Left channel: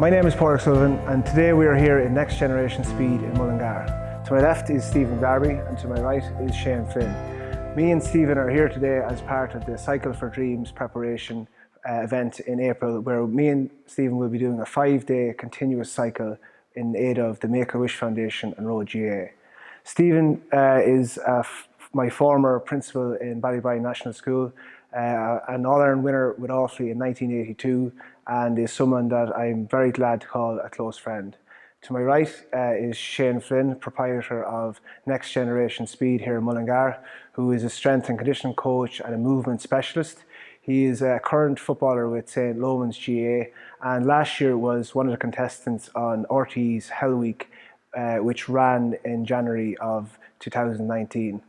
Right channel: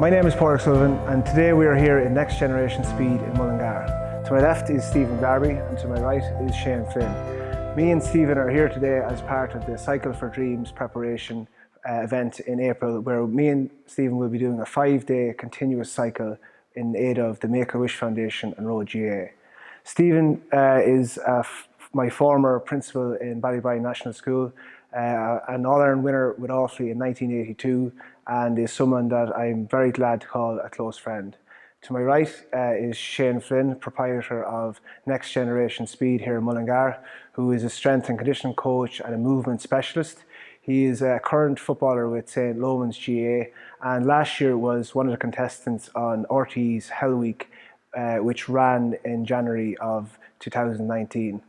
My name is Paul Sullivan and today we are here in Next Generation Speed in Mullingar. To my left is Stephen Darby and to my right is Shane Flynn. Me and Stephen are here today as part of the Cycle4Dreams preparation event in April, where me and Stephen will be doing a 5-day continuous cycle in aid of the Make-A-Wish Foundation and Road GA. Stephen is my former principal in Ballybrine National School, an All-Ireland winner with Offaly in 1982, and is someone that I'm very glad to call a close friend. To my right is Shane Flynn, proprietor of Next Generation Speed here in Mullingar, who is a strength and conditioning coach and a movement specialist. He is a current footballer with St. Loman's GA, and last year was one of the contestants on RT's Hell Week, which ran in January of 2019.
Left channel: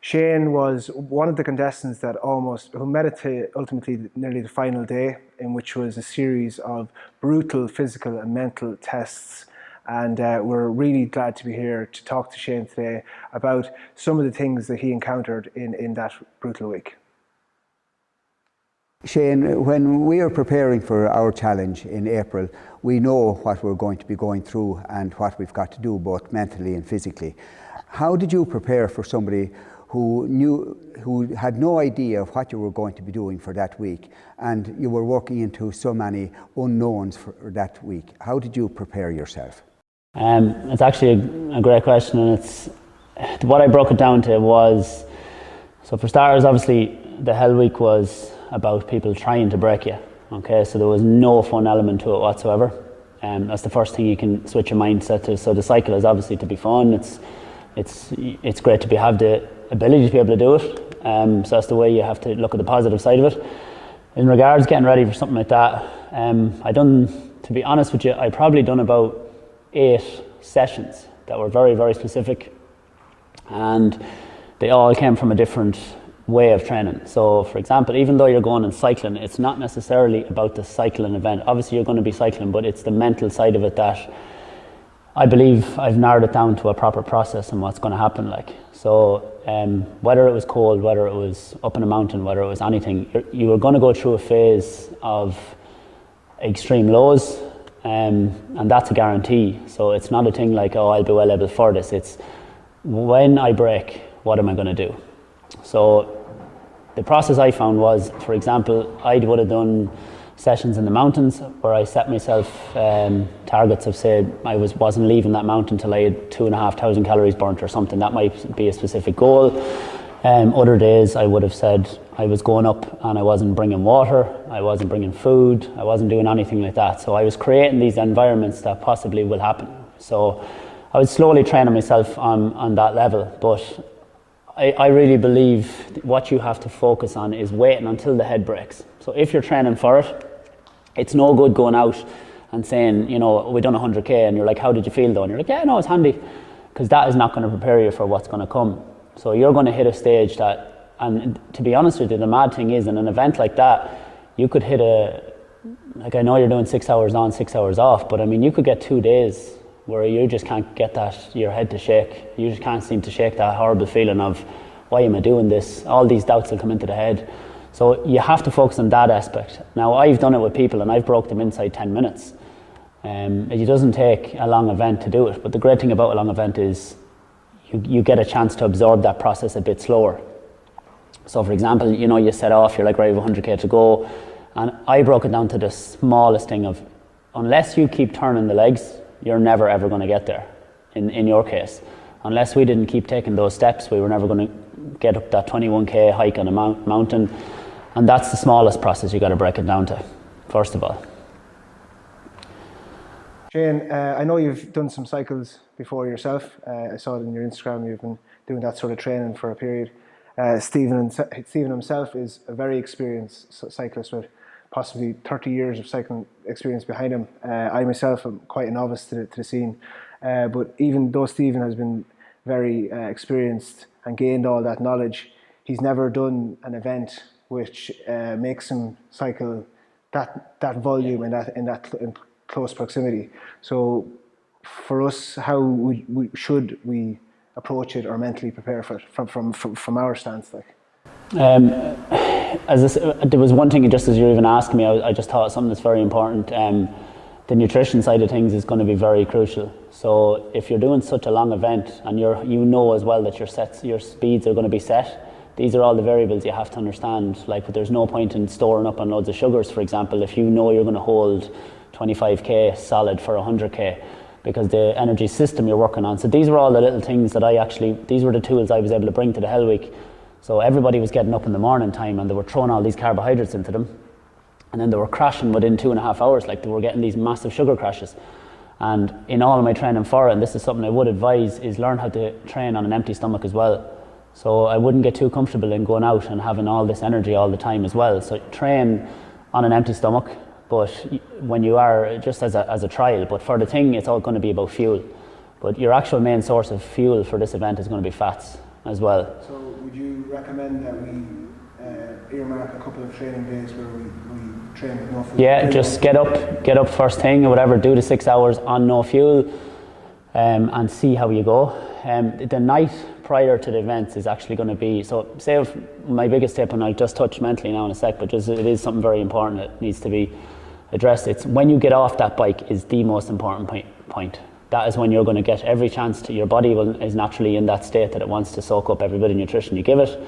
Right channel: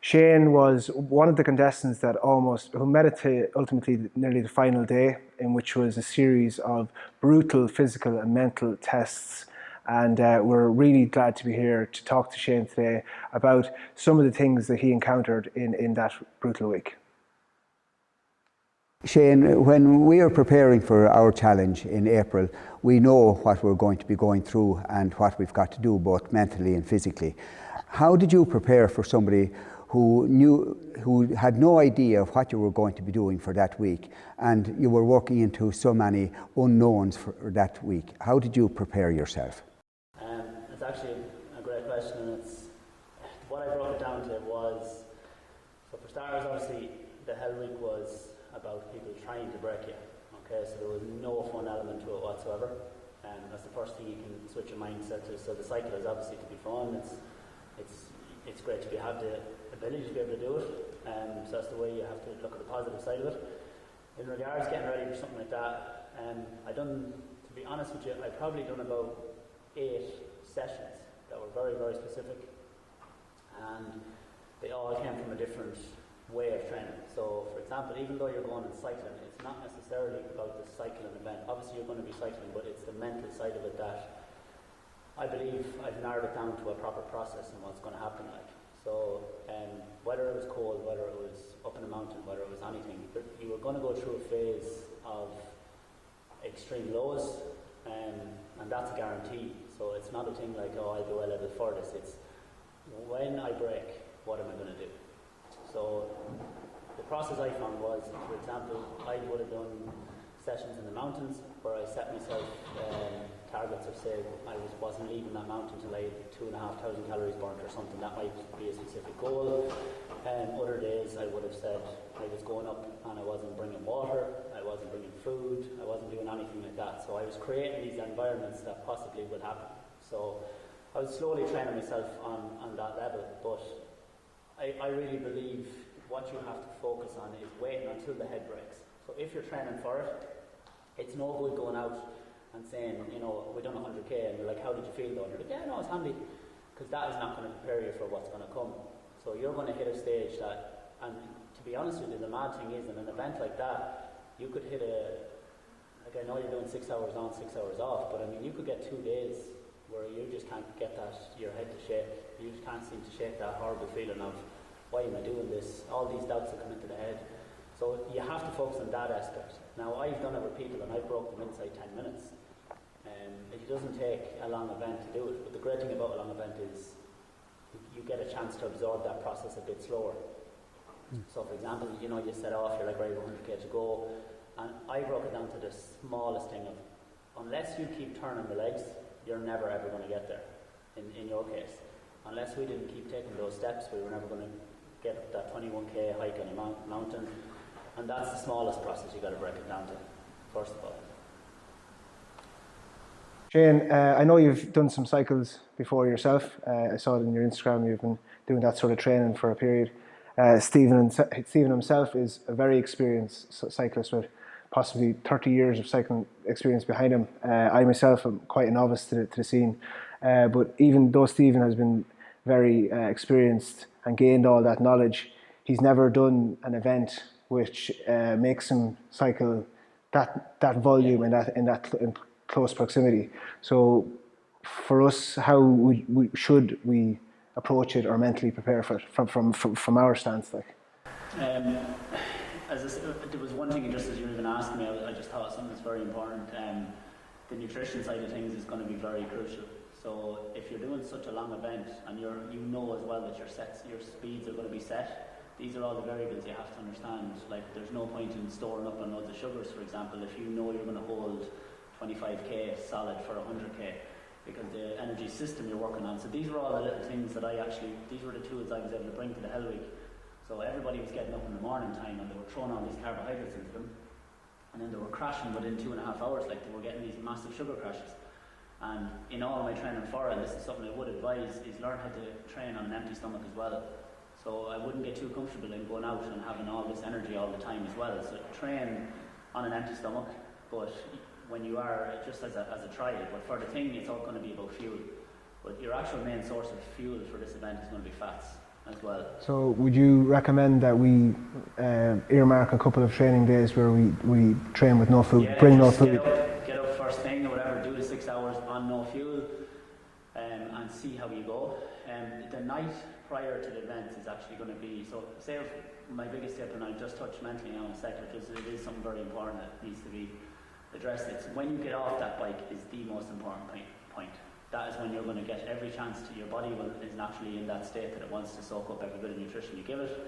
Shane was one of the contestants that who made it to ultimately nearly the final day, in which was a series of brutal physical and mental tests. And we're really glad to be here to talk to Shane today about some of the things that he encountered in that brutal week. Shane, when we are preparing for our challenge in April, we know what we're going to be going through and what we've got to do both mentally and physically. How did you prepare for somebody who had no idea of what you were going to be doing for that week, and you were working into so many unknowns for that week? How did you prepare yourself? It's actually a great question, and it's what I broke it down to was, so for starters, obviously the Hell Week was about people trying to break you. Okay, so there was no fun element to it whatsoever. That's the first thing you can switch your mindset to. So the cycle is obviously to be fun. It's great to have the ability to be able to do it. So that's the way you have to look at the positive side of it. In regards getting ready for something like that, to be honest with you, I probably done about 8 sessions that were very, very specific, and they all came from a different way of training. So for example, even though you're going and cycling, it's not necessarily about the cycling event. Obviously you're going to be cycling, but it's the mental side of it that I believe I've narrowed it down to a proper process and what's going to happen. So whether it was cold, whether it was up in a mountain, whether it was anything, you were going to go through a phase of extreme lows, and that's a guarantee. So it's not a thing like, oh, I'll be well able for this. It's when I break, what am I going to do? So the process I found was, for example, I would have done sessions in the mountains where I set myself targets of, say, I wasn't leaving that mountain till I had 2,500 calories burnt or something. That might be a specific goal. Other days I would have said I was going up and I wasn't bringing water, I wasn't bringing food, I wasn't doing anything like that. So I was creating these environments that possibly will happen. So I was slowly training myself on that level, but I really believe what you have to focus on is waiting until the head breaks. So if you're training for it, it's no good going out and saying, you know, we done 100k, and you're like, how did you feel though? And you're like, yeah, no, it's handy, because that is not going to prepare you for what's going to come. So you're going to hit a stage that, and to be honest with you, the mad thing is, in an event like that, you could hit I know you're doing 6 hours on, 6 hours off, but I mean, you could get 2 days where you just can't get your head to shake. You just can't seem to shake that horrible feeling of, why am I doing this? All these doubts will come into the head. So you have to focus on that aspect. Now, I've done it with people and I've broke them inside 10 minutes. It doesn't take a long event to do it, but the great thing about a long event is you get a chance to absorb that process a bit slower. So for example, you know, you set off, you're like, right, I have 100k to go, and I broke it down to the smallest thing of, unless you keep turning the legs, you're never ever going to get there, in your case. Unless we didn't keep taking those steps, we were never going to get up that 21k hike on a mountain. And that's the smallest process you got to break it down to, first of all. Shane, I know you've done some cycles before yourself. I saw it in your Instagram, you've been doing that sort of training for a period. Stephen himself is a very experienced cyclist with possibly 30 years of cycling experience behind him. I myself am quite a novice to the scene, but even though Stephen has been very experienced and gained all that knowledge, he's never done an event which makes him cycle that volume in close proximity. So for us, how should we approach it or mentally prepare for it from our stance? There was one thing, just as you're even asking me, I just thought something that's very important. the nutrition side of things is going to be very crucial. So if you're doing such a long event and you know as well that your speeds are going to be set, these are all the variables you have to understand. Like, there's no point in storing up on loads of sugars, for example, if you know you're going to hold 25k solid for 100k, because the energy system you're working on. So these were all the little things that these were the tools I was able to bring to the Hell Week. So everybody was getting up in the morning time and they were throwing all these carbohydrates into them. And then they were crashing within 2.5 hours, like they were getting these massive sugar crashes. And in all of my training for it, and this is something I would advise, is learn how to train on an empty stomach as well. So I wouldn't get too comfortable in going out and having all this energy all the time as well. So train on an empty stomach, but when you are, just as a trial, but for the thing, it's all going to be about fuel. But your actual main source of fuel for this event is going to be fats as well. So would you recommend that we earmark a couple of training days where we train with no food? Yeah, just get up first thing or whatever, do the 6 hours on no fuel, and see how you go. The night prior to the events is actually going to be, so say if my biggest tip, and I'll just touch mentally now in a sec, but just, it is something very important that needs to be addressed. It's when you get off that bike is the most important point. That is when you're going to get every chance to, your body is naturally in that state that it wants to soak up every bit of nutrition you give it.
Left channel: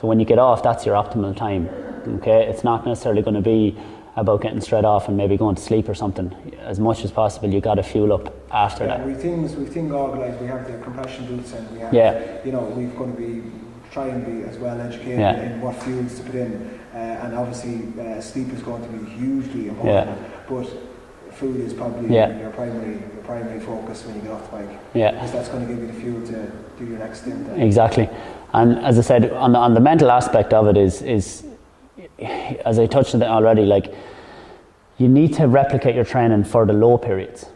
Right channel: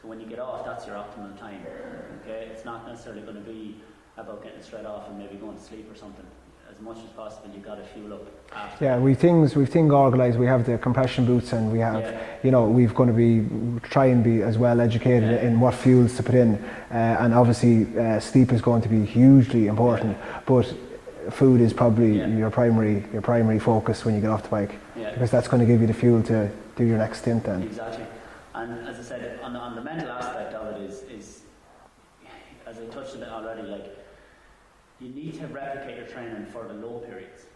So when you get off, that's your optimal time. Okay, it's not necessarily going to be about getting straight off and maybe going to sleep or something. As much as possible, you got to fuel up after that. We've things organised. We have the compression boots, and we have, we're going to be try and be as well educated in what fuels to put in, and obviously sleep is going to be hugely important. But food is probably your primary focus when you get off the bike. Because that's going to give you the fuel to do your next stint then. Exactly. And as I said, on the mental aspect of it is as I touched on it already, like, you need to replicate your training for the low periods,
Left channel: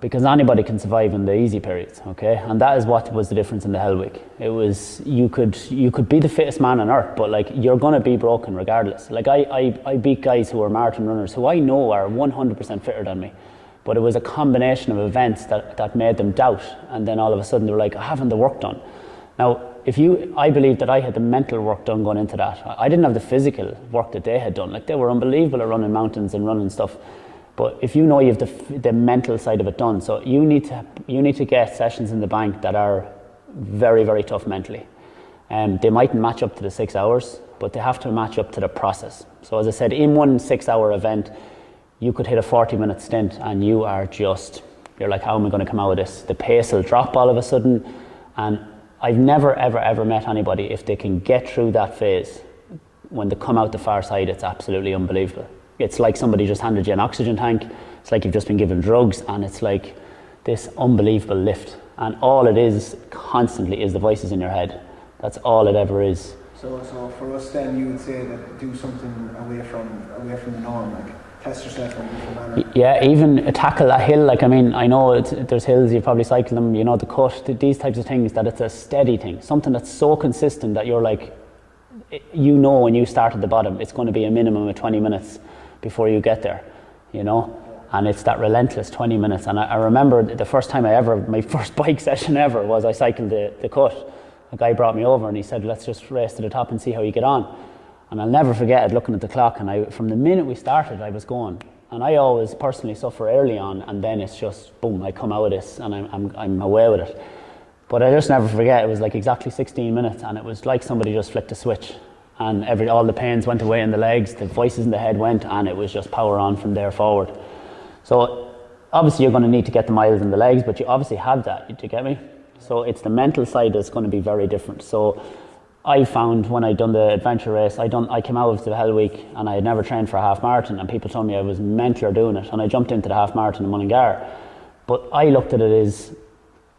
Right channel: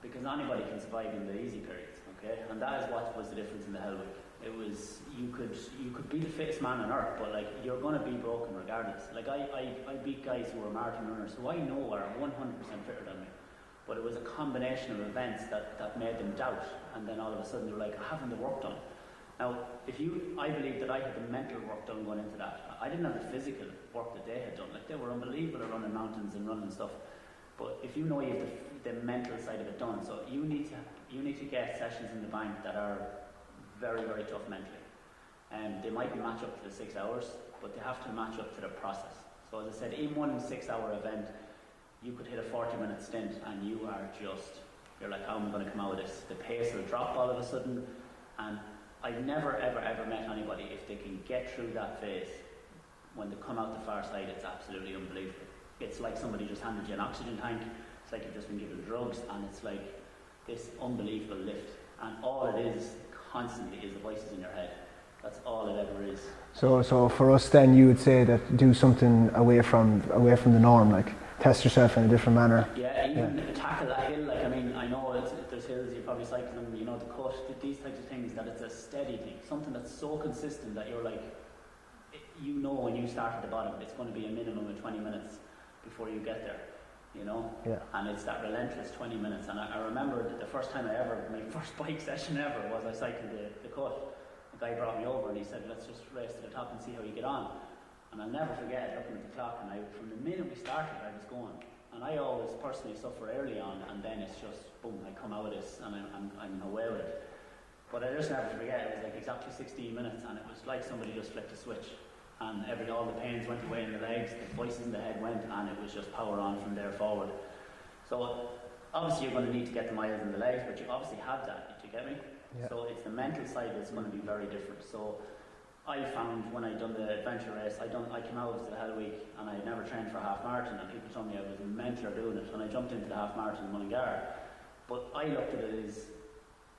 because anybody can survive in the easy periods, okay? And that is what was the difference in the Hell Week. It was, you could be the fittest man on earth, but like, you're gonna be broken regardless. Like, I beat guys who are marathon runners who I know are 100% fitter than me, but it was a combination of events that made them doubt, and then all of a sudden they were like, I haven't the work done. Now, I believe that I had the mental work done going into that. I didn't have the physical work that they had done. Like, they were unbelievable at running mountains and running stuff. But if you know you have the mental side of it done, so you need to get sessions in the bank that are very, very tough mentally. They mightn't match up to the 6 hours, but they have to match up to the process. So as I said, in one 6 hour event, you could hit a 40-minute stint and you're like, how am I going to come out of this? The pace will drop all of a sudden, and I've never, ever met anybody, if they can get through that phase, when they come out the far side, it's absolutely unbelievable. It's like somebody just handed you an oxygen tank. It's like you've just been given drugs, and it's like this unbelievable lift. And all it is constantly is the voices in your head. That's all it ever is. So for us then, you would say that do something away from the norm, like test yourself in a different manner. Yeah, even tackle a hill. Like, I mean, I know there's hills, you've probably cycled them, you know, the cut, these types of things, that it's a steady thing, something that's so consistent that you're like, you know, when you start at the bottom, it's going to be a minimum of 20 minutes before you get there, you know. And it's that relentless 20 minutes. And I remember the first time my first bike session ever was I cycled the cut. A guy brought me over and he said, let's just race to the top and see how you get on. And I'll never forget it, looking at the clock, and from the minute we started, I was going. And I always personally suffer early on, and then it's just, boom, I come out of this and I'm away with it. But I just never forget, it was like exactly 16 minutes, and it was like somebody just flicked a switch, and all the pains went away in the legs, the voices in the head went, and it was just power on from there forward. So obviously you're going to need to get the miles in the legs, but you obviously have that, do you get me? So it's the mental side that's going to be very different. So I found when I'd done the adventure race, I came out of the Hell Week and I had never trained for a half marathon, and people told me I was mental doing it, and I jumped into the half marathon in Mullingar. But I looked at it as,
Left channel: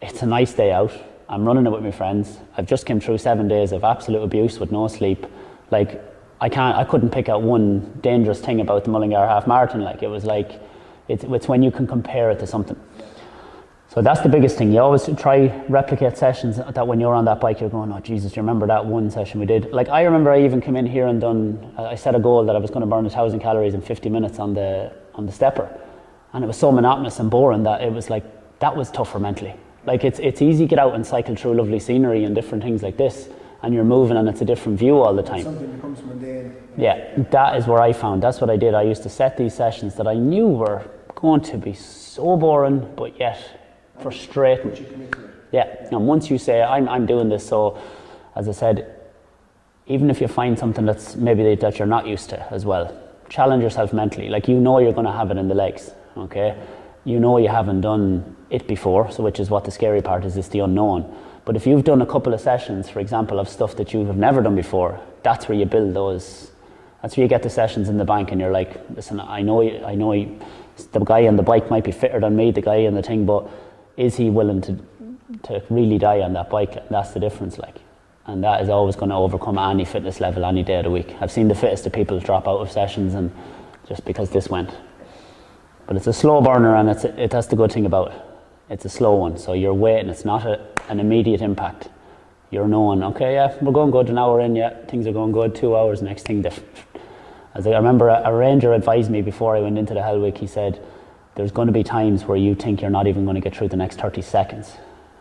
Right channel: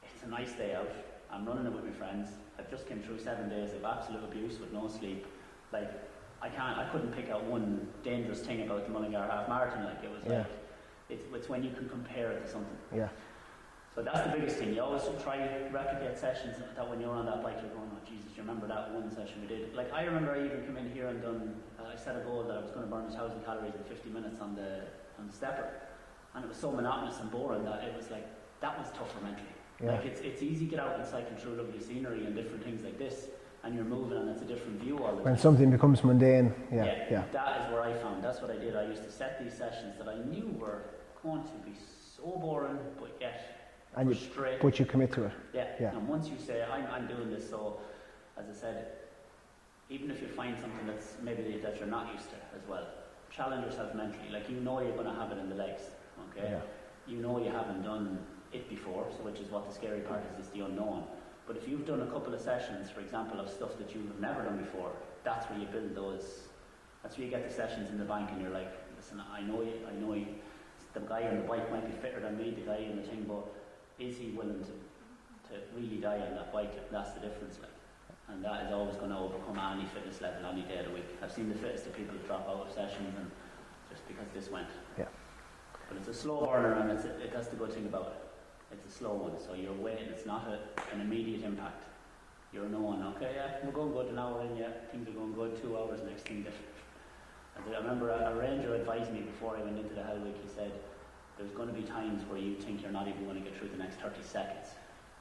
it's a nice day out, I'm running it with my friends, I've just came through 7 days of absolute abuse with no sleep. Like, I couldn't pick out one dangerous thing about the Mullingar half marathon. Like, it was like, it's when you can compare it to something. Yeah. So that's the biggest thing. You always try replicate sessions that when you're on that bike, you're going, oh Jesus, do you remember that one session we did? Like, I remember I even came in here and I set a goal that I was going to burn 1,000 calories in 50 minutes on the stepper. And it was so monotonous and boring that it was like, that was tougher mentally. Yeah. Like, it's easy to get out and cycle through lovely scenery and different things like this, and you're moving and it's a different view all the time. And something becomes mundane. Yeah, that is where I found, that's what I did. I used to set these sessions that I knew were going to be so boring, but yet frustrating. But you commit to it. Yeah. And once you say, I'm doing this, so as I said, even if you find something that's maybe that you're not used to as well, challenge yourself mentally. Like, you know you're going to have it in the legs, okay? You know you haven't done it before, so which is what the scary part is, it's the unknown. But if you've done a couple of sessions, for example, of stuff that you have never done before, that's where you build those, that's where you get the sessions in the bank, and you're like, listen, I know the guy on the bike might be fitter than me, the guy on the thing, but is he willing to really die on that bike? And that's the difference, like. And that is always going to overcome any fitness level any day of the week. I've seen the fittest of people drop out of sessions and just because this went. Yeah. But it's a slow burner, and that's the good thing about it. It's a slow one, so you're waiting. It's not an immediate impact. You're knowing, okay, yeah, we're going good, an hour in, yeah, things are going good, 2 hours, next thing. As I remember, a ranger advised me before I went into the Hell Week, he said, there's going to be times where you think you're not even going to get through the next 30 seconds.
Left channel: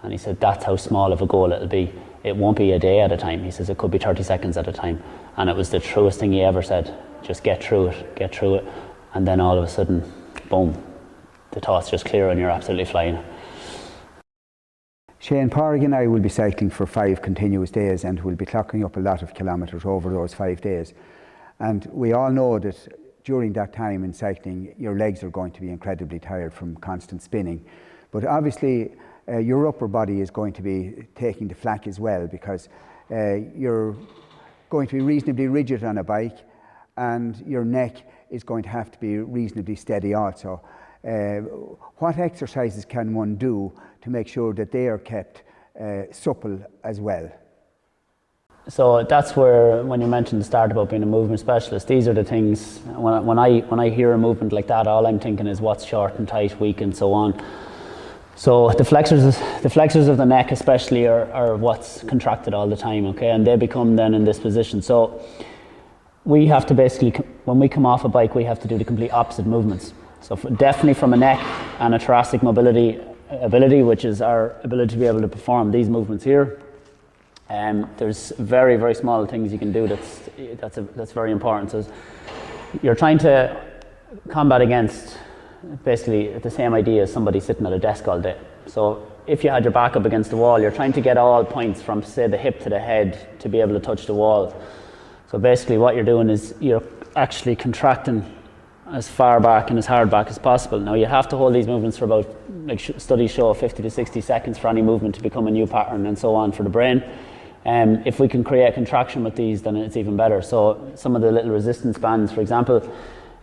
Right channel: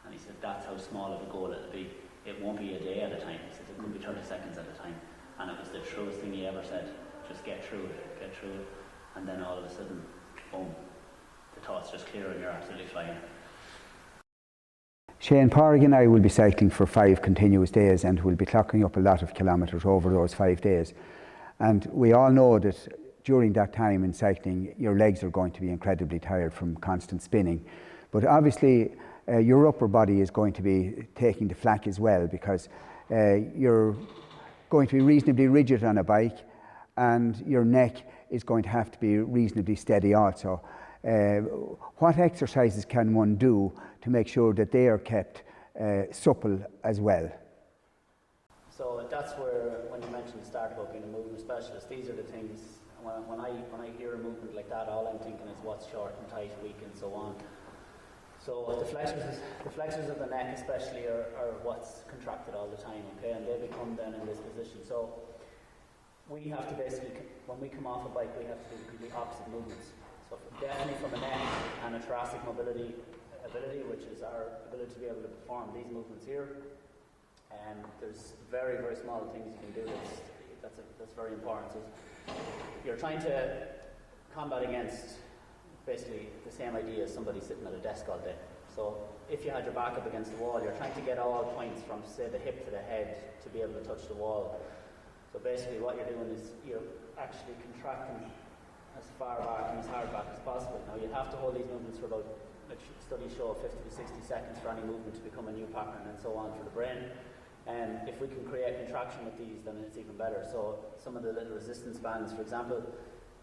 And he said, that's how small of a goal it'll be. It won't be a day at a time. He says it could be 30 seconds at a time. And it was the truest thing he ever said. Just get through it. And then all of a sudden, boom, the thoughts just clear and you're absolutely flying. Shane, Pádraig and I will be cycling for 5 continuous days, and we'll be clocking up a lot of kilometres over those 5 days. And we all know that during that time in cycling, your legs are going to be incredibly tired from constant spinning. But obviously, your upper body is going to be taking the flak as well, because you're going to be reasonably rigid on a bike, and your neck is going to have to be reasonably steady also. What exercises can one do to make sure that they are kept supple as well? So that's where, when you mentioned the start about being a movement specialist, these are the things, when I hear a movement like that, all I'm thinking is what's short and tight, weak and so on. So the flexors of the neck especially are what's contracted all the time, okay, and they become then in this position. So we have to basically, when we come off a bike, we have to do the complete opposite movements. So definitely from a neck and a thoracic mobility ability, which is our ability to be able to perform these movements here. There's very, very small things you can do that's very important. So you're trying to combat against basically the same idea as somebody sitting at a desk all day. So if you had your back up against the wall, you're trying to get all points from, say, the hip to the head to be able to touch the wall. So basically what you're doing is you're actually contracting as far back and as hard back as possible. Now you have to hold these movements for about, like studies show, 50 to 60 seconds for any movement to become a new pattern and so on for the brain. If we can create contraction with these, then it's even better. So some of the little resistance bands, for example,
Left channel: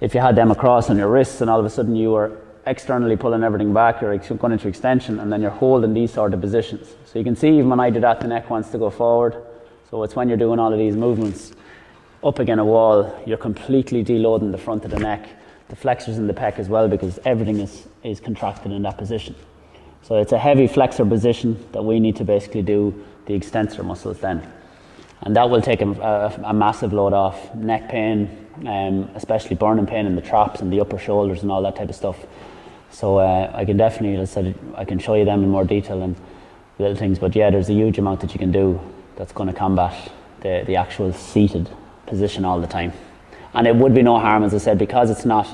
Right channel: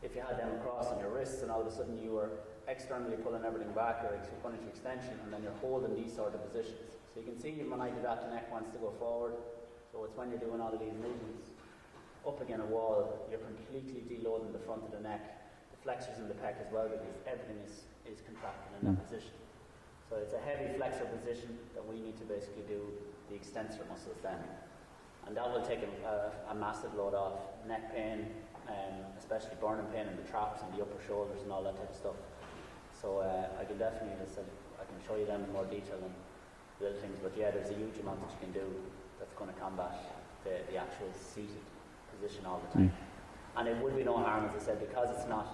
if you had them across on your wrists and all of a sudden you were externally pulling everything back, you're going into extension, and then you're holding these sort of positions. So you can see even when I do that, the neck wants to go forward. So it's when you're doing all of these movements up against a wall, you're completely deloading the front of the neck, the flexors in the pec as well, because everything is contracted in that position. So it's a heavy flexor position that we need to basically do the extensor muscles then. And that will take a massive load off. Neck pain, especially burning pain in the traps and the upper shoulders and all that type of stuff. So I can definitely, as I said, I can show you them in more detail and little things, but yeah, there's a huge amount that you can do that's going to combat the actual seated position all the time. And it would be no harm, as I said, because it's not,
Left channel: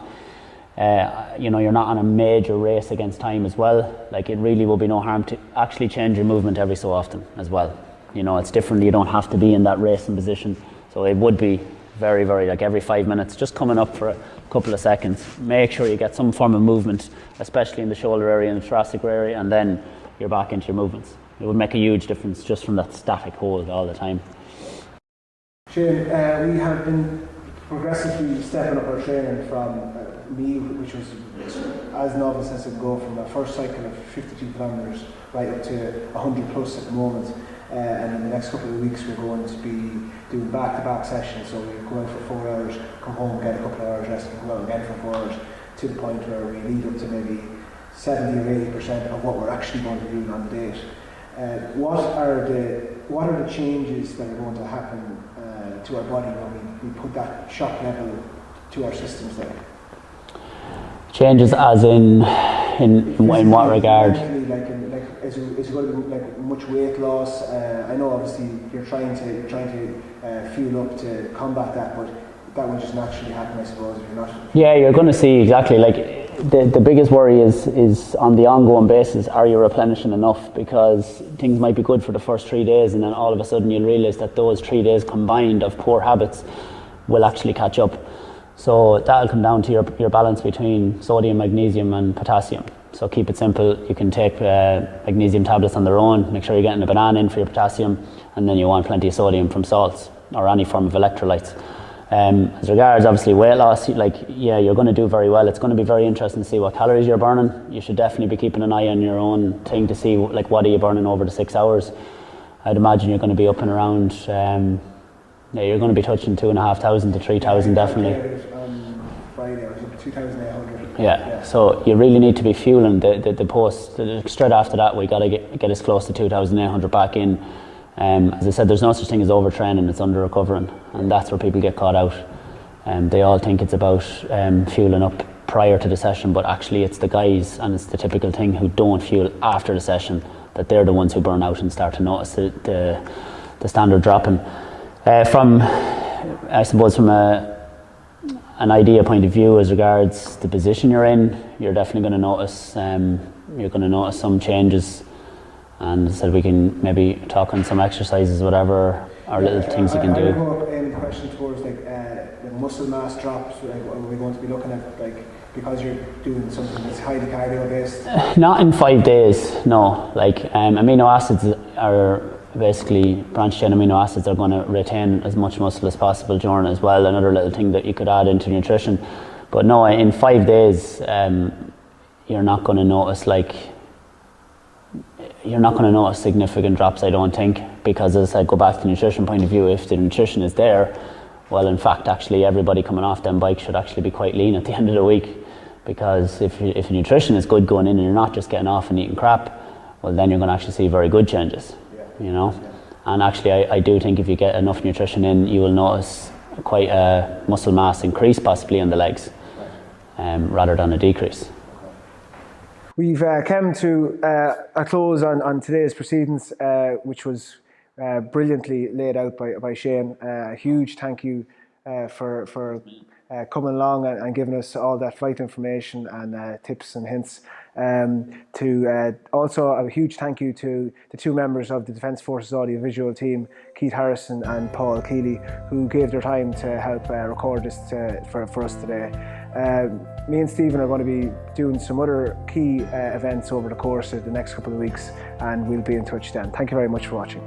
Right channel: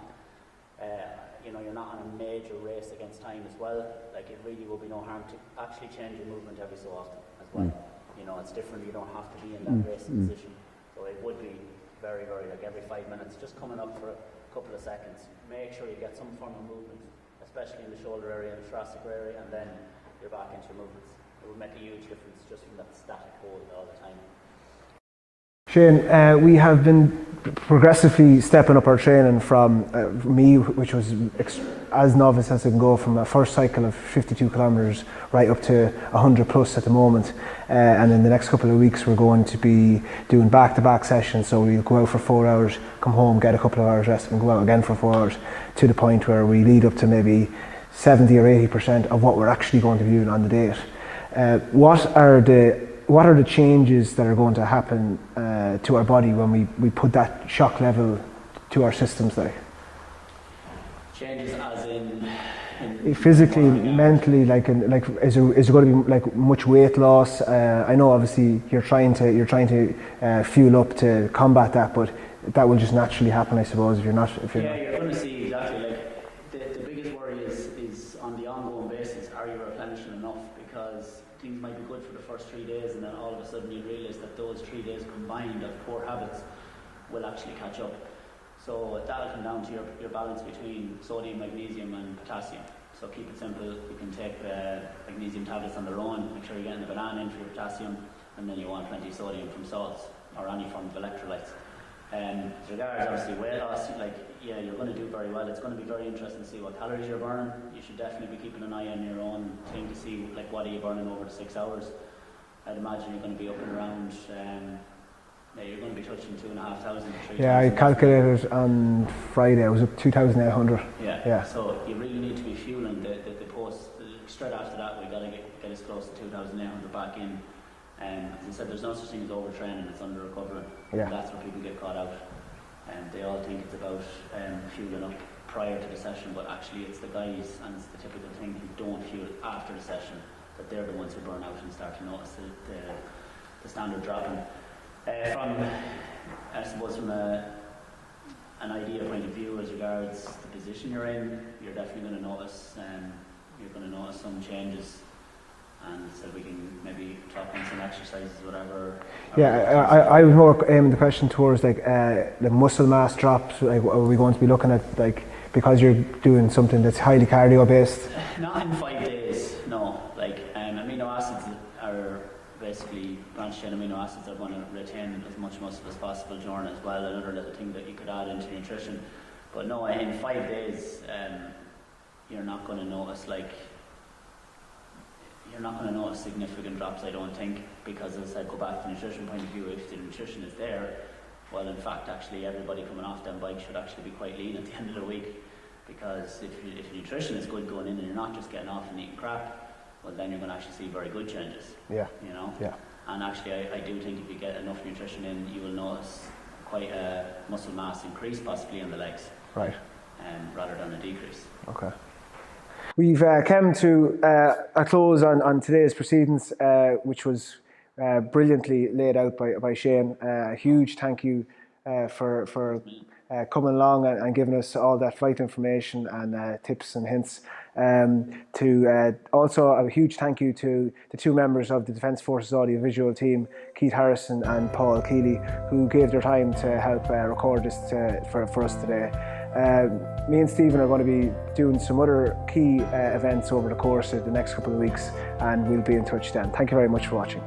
you're not on a major race against time as well. Like, it really will be no harm to actually change your movement every so often as well. You know, it's different. You don't have to be in that racing position. So it would be very, very, like every 5 minutes, just coming up for a couple of seconds. Make sure you get some form of movement, especially in the shoulder area and the thoracic area, and then you're back into your movements. It would make a huge difference just from that static hold all the time. Shane, we have been progressively stepping up our training from me, which was as novice as I can go, from a first cycle of 52 kilometres right up to 100 plus at the moment. And in the next couple of weeks we're going to be doing back-to-back sessions, so we'll go out for 4 hours, come home, get a couple of hours rest and go out again for 4 hours, to the point where we lead up to maybe 70 or 80% of what we're actually going to be doing on the date. What are the changes that are going to happen to our body when we put that shock level to our systems like? Changes as in what regard? Mentally, is there going to be like much weight loss? I know obviously you're trying to fuel up to combat that, but that will just naturally happen, I suppose, if you're not. Yeah, you're going to see exactly, like, the biggest worry is on the ongoing basis, are you replenishing enough? Because things might be good for the first 3 days, and then all of a sudden you'll realise that those 3 days combined of poor habits will actually catch up. So that'll come down to your balance between sodium, magnesium and potassium. So keep it simple. You can take magnesium tablets on their own, make sure you're getting a banana in for your potassium, and then you want plenty of sodium from salts or any form of electrolytes. As regards obviously weight loss, you're going to do very well. It's going to be very interesting to see what calories you're burning. You should definitely be keeping an eye on your own thing to see what are you burning over the 6 hours. I'd imagine you're going to be up and around, you're going to be touching 2,500 to 3,000 definitely. I calculated on Friday, I was up 2,800. Yeah, so you really need to be fueling the post. Straight after that, we got to get as close to 2,800 back in. As I said, there's no such thing as overtraining, it's under recovering, and that's where people get caught out. They all think it's about fueling up prior to the session, but actually it's the guys, and it's the typical thing, who don't fuel after the session, that they're the ones who burn out and start to notice the standard dropping. From an idea point of view, as regards the position you're in, you're definitely going to notice. You're going to notice some changes, and so we can maybe talk on some exercises, whatever. Or little things you can do. I would more aim the question towards the muscle mass drops. Are we going to be looking at because you're doing something that's highly cardio based? Not in 5 days, no. Amino acids are basically branched chain amino acids are going to retain as much muscle as possible during as well. Another little thing that you could add into nutrition. But no, in 5 days, you're not going to notice significant drops, I don't think, because as I said, go back to the nutrition point of view, if the nutrition is there, well, in fact, actually everybody coming off them bikes should actually be quite lean at the end of the week, because if nutrition is good going in and you're not just getting off and eating crap, well, then you're going to actually see very good changes. Yeah. And actually I do think if you get enough nutrition in, you will notice quite a muscle mass increase possibly in the legs, right, rather than a decrease. Okay. We've come to a close on today's proceedings, which was brilliantly laid out by Shane. A huge thank you for coming along and giving us all that flight information and tips and hints. Also a huge thank you to the two members of the Defence Forces audiovisual team, Keith Harrison and Paul Keeley, who gave their time to help record this for us today. Me and Stephen are going to be doing some other key events over the course of the next couple of weeks, and we'll be in touch then. Thank you very much for watching.